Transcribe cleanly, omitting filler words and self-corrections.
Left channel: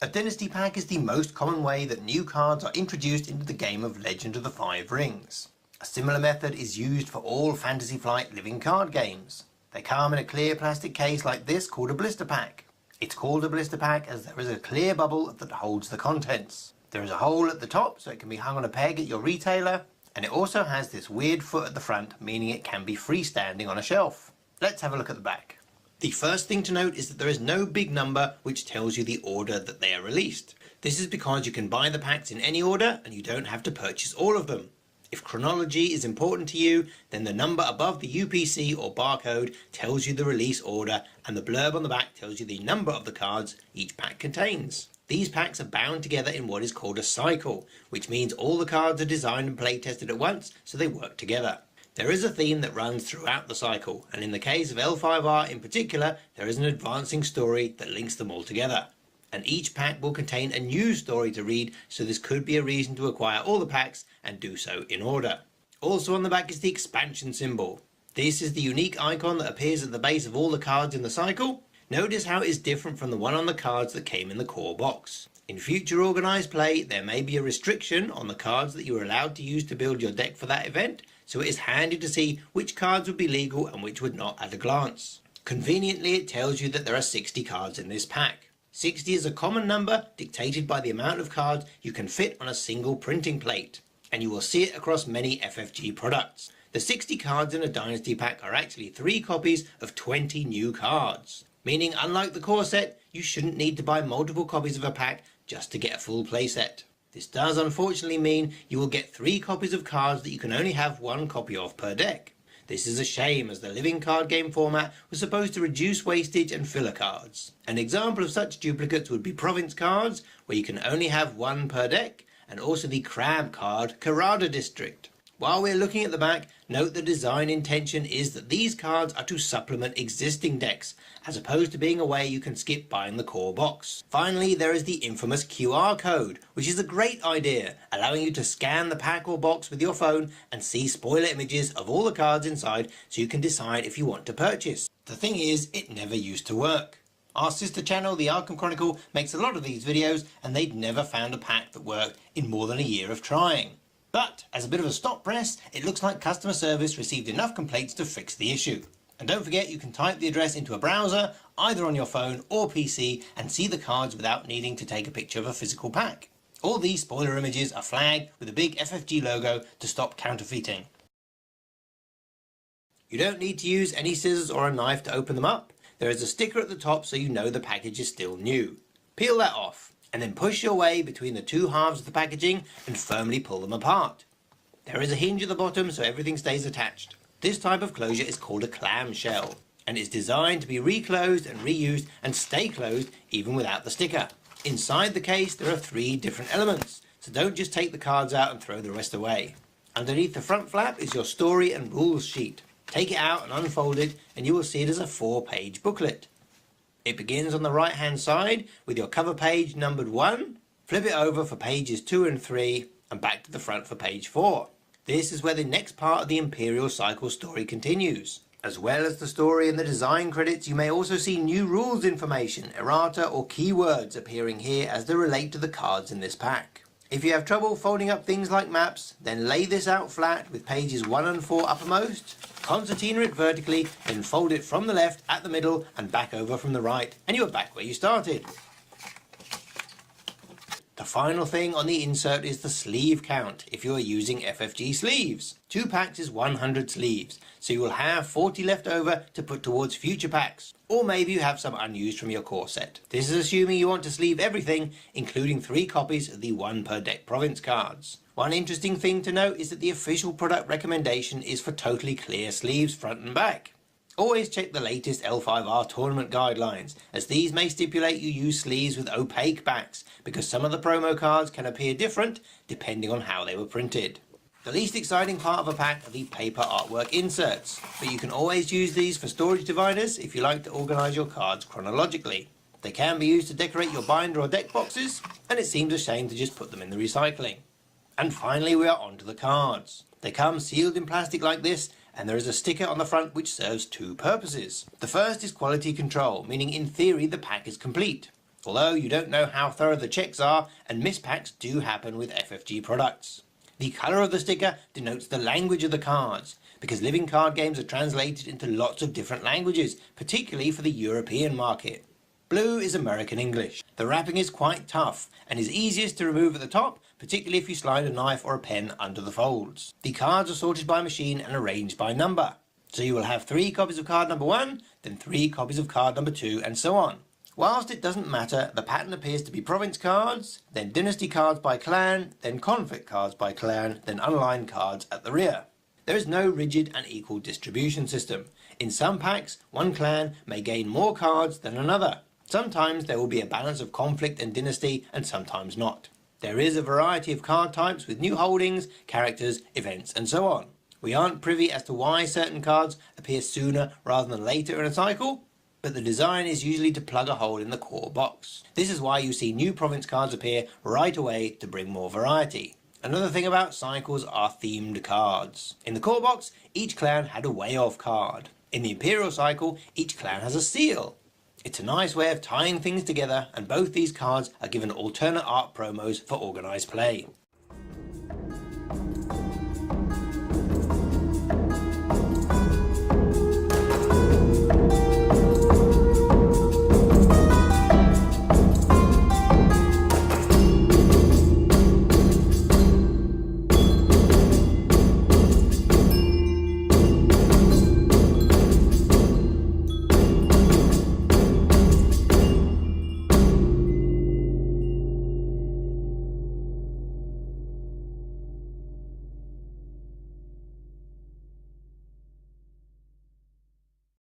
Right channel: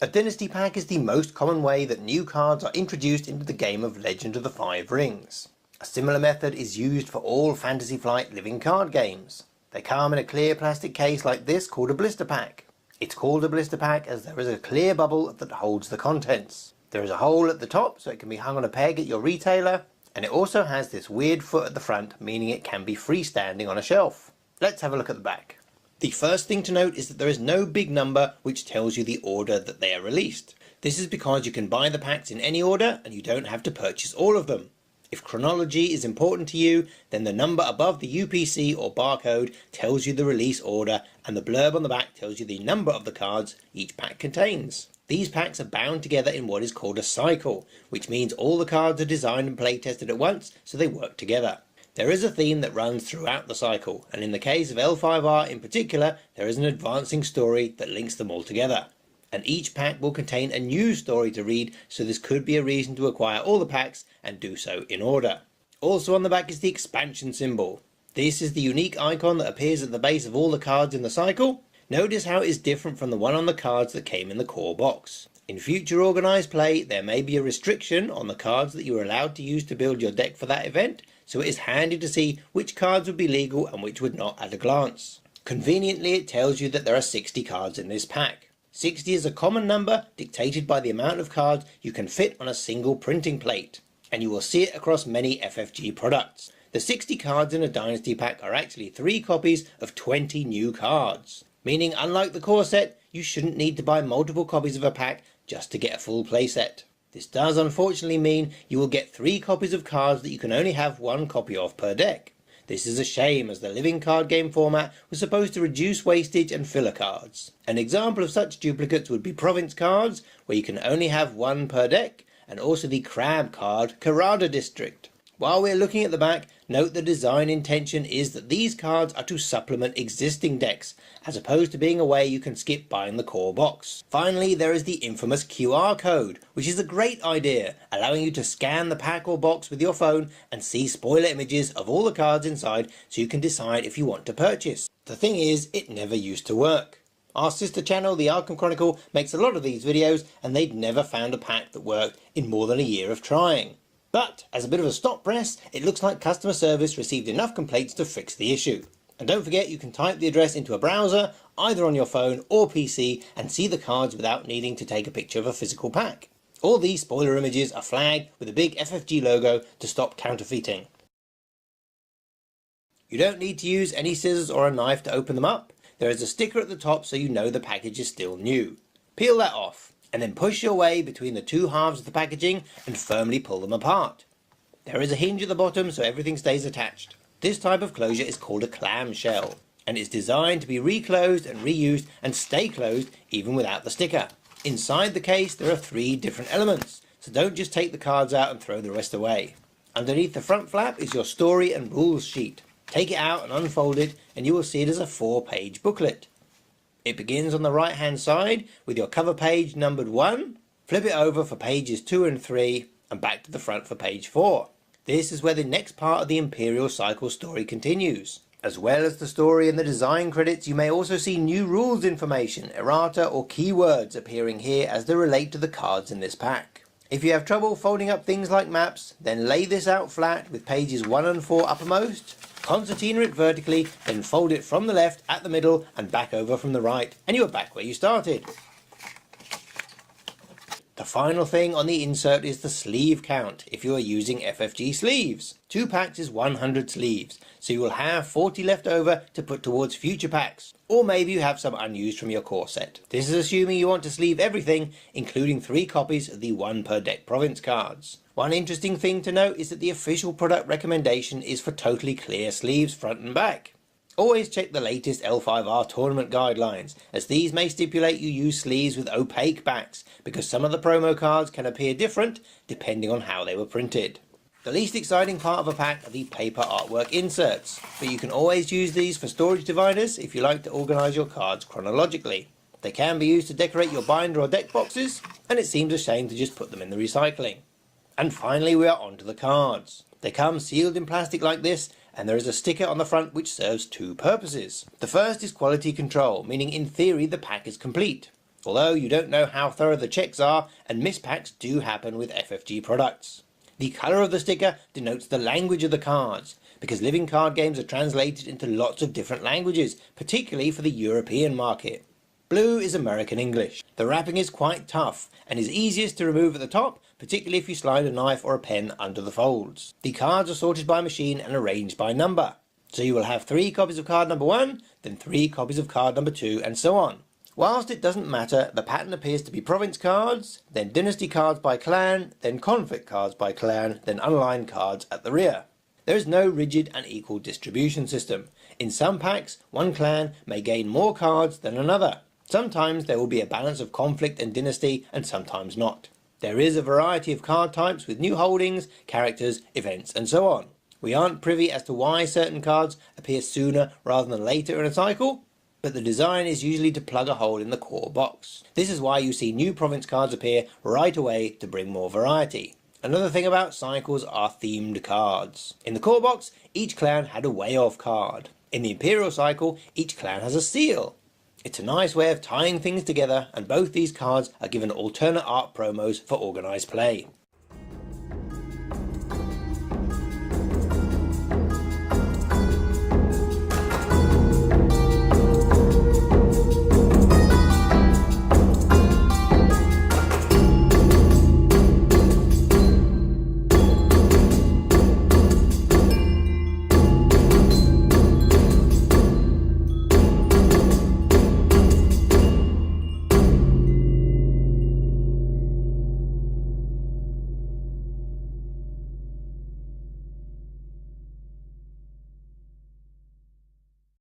A Dynasty Pack is the most common way that new cards are introduced into the game of Legend of the Five Rings. A similar method is used for all Fantasy Flight living card games. They come in a clear plastic case like this called a blister pack. It's called a blister pack as there is a clear bubble that holds the contents. There is a hole at the top so it can be hung on a peg at your retailer, and it also has this weird foot at the front, meaning it can be freestanding on a shelf. Let's have a look at the back. The first thing to note is that there is no big number which tells you the order that they are released. This is because you can buy the packs in any order and you don't have to purchase all of them. If chronology is important to you, then the number above the UPC or barcode tells you the release order, and the blurb on the back tells you the number of the cards each pack contains. These packs are bound together in what is called a cycle, which means all the cards are designed and play tested at once so they work together. There is a theme that runs throughout the cycle, and in the case of L5R in particular, there is an advancing story that links them all together. And each pack will contain a new story to read, so this could be a reason to acquire all the packs and do so in order. Also on the back is the expansion symbol. This is the unique icon that appears at the base of all the cards in the cycle. Notice how it is different from the one on the cards that came in the core box. In future organised play, there may be a restriction on the cards that you are allowed to use to build your deck for that event, so it is handy to see which cards would be legal and which would not at a glance. Conveniently, it tells you that there are 60 cards in this pack. 60 is a common number dictated by the amount of cards you can fit on a single printing plate, and you will see it across many FFG products. The 60 cards in a Dynasty pack are actually 3 copies of 20 new cards, meaning unlike the core set, you shouldn't need to buy multiple copies of a pack just to get a full playset. This does unfortunately mean you will get 3 copies of cards that you can only have 1 copy of per deck. This is a shame, as the living card game format was supposed to reduce wastage and filler cards. An example of such duplicates would be province cards, where you can only have 1 per deck, and also the crab card Karada District. While we're looking at the back, note the design intention is that these cards are to supplement existing decks, as opposed to being a way you can skip buying the core box. Finally, there is the infamous QR code, which is a great idea, allowing you to scan the pack or box with your phone and see spoiler images of all the cards inside so you can decide if you want to purchase. The thing is, it never used to work. Our sister channel, the Arkham Chronicle, makes a lot of these videos, and they'd never found a pack that worked in more than a year of trying. But, as a bit of a stop press, it looks like customer service received enough complaints to fix the issue. And don't forget, you can type the address into a browser, either on your phone or PC, and see the cards without needing to take a picture of a physical pack. All these spoiler images are flagged with a big FFG logo to stop counterfeiting. You don't need to use any scissors or a knife to open them up. There is a sticker at the top so you know the package is still new. Peel that off, and then push your way between the 2 halves of the packaging and firmly pull them apart. There is a hinge at the bottom so everything stays attached. This type of closure is called a clamshell, and is designed to be reclosed and reused and stay closed even without the sticker. Inside the case there are 3 different elements, so don't just take the cards out and throw the rest away. Underneath the front flap is your story and rules sheet. Take it out and unfold it, and you will see it as a 4-page booklet. It begins on the right hand side with your cover page numbered 1, flip it over for pages 2 and 3, and back to the front for page 4. This is where the next part of the Imperial Cycle story continues. As well as the story and the design credits, you may also see new rules information, errata or keywords appearing here as they relate to the cards in this pack. If you have trouble folding up things like maps, then lay this out flat with pages 1 and 4 uppermost, concertina it vertically, then fold it from the left at the middle and back over from the right, and you are back where you started. The final thing on the insert is the sleeve count if you are using FFG sleeves. 2 packs is 100 sleeves, so you will have 40 left over to put towards future packs, or maybe you have some unused from your core set. This is assuming you want to sleeve everything, including 3 copies of the 1 per deck province cards. One interesting thing to note is that the official product recommendation is for totally clear sleeves front and back. Always check the latest L5R tournament guidelines, as these may stipulate you use sleeves with opaque backs, because some of the promo cards can appear different depending on how they were printed. The least exciting part of a pack are the paper artwork inserts, but you can always use these for storage dividers if you like to organise your cards chronologically. They can be used to decorate your binder or deck boxes, and it seems a shame to just put them in the recycling. And finally we are onto the cards. They come sealed in plastic like this, and there is a sticker on the front which serves 2 purposes. The first is quality control, meaning in theory the pack is complete. although you don't know how thorough the checks are, and mispacks do happen with FFG products. The colour of the sticker denotes the language of the cards, because living card games are translated into lots of different languages, particularly for the European market. Blue is American English. The wrapping is quite tough, and is easiest to remove at the top, particularly if you slide a knife or a pen under the folds. The cards are sorted by machine and arranged by number. So you will have 3 copies of card number 1, then 3 copies of card number 2, and so on. Whilst it doesn't matter, the pattern appears to be province cards, then dynasty cards by clan, then conflict cards by clan, then unaligned cards at the rear. There is no rigid and equal distribution system. In some packs, one clan may gain more cards than another. Sometimes there will be a balance of conflict and dynasty, and sometimes not. There is a variety of card types with new holdings, characters, events, and so on. We aren't privy as to why certain cards appear sooner rather than later in a cycle, but the design is usually to plug a hole in the core box. This is why you see new province cards appear right away to bring more variety. Another thing about cycles are themed cards. In the core box, each clan had a way of card. In the Imperial cycle, each clan has a seal. It's a nice way of tying things together, and both these cards are given alternate art promos for organised play.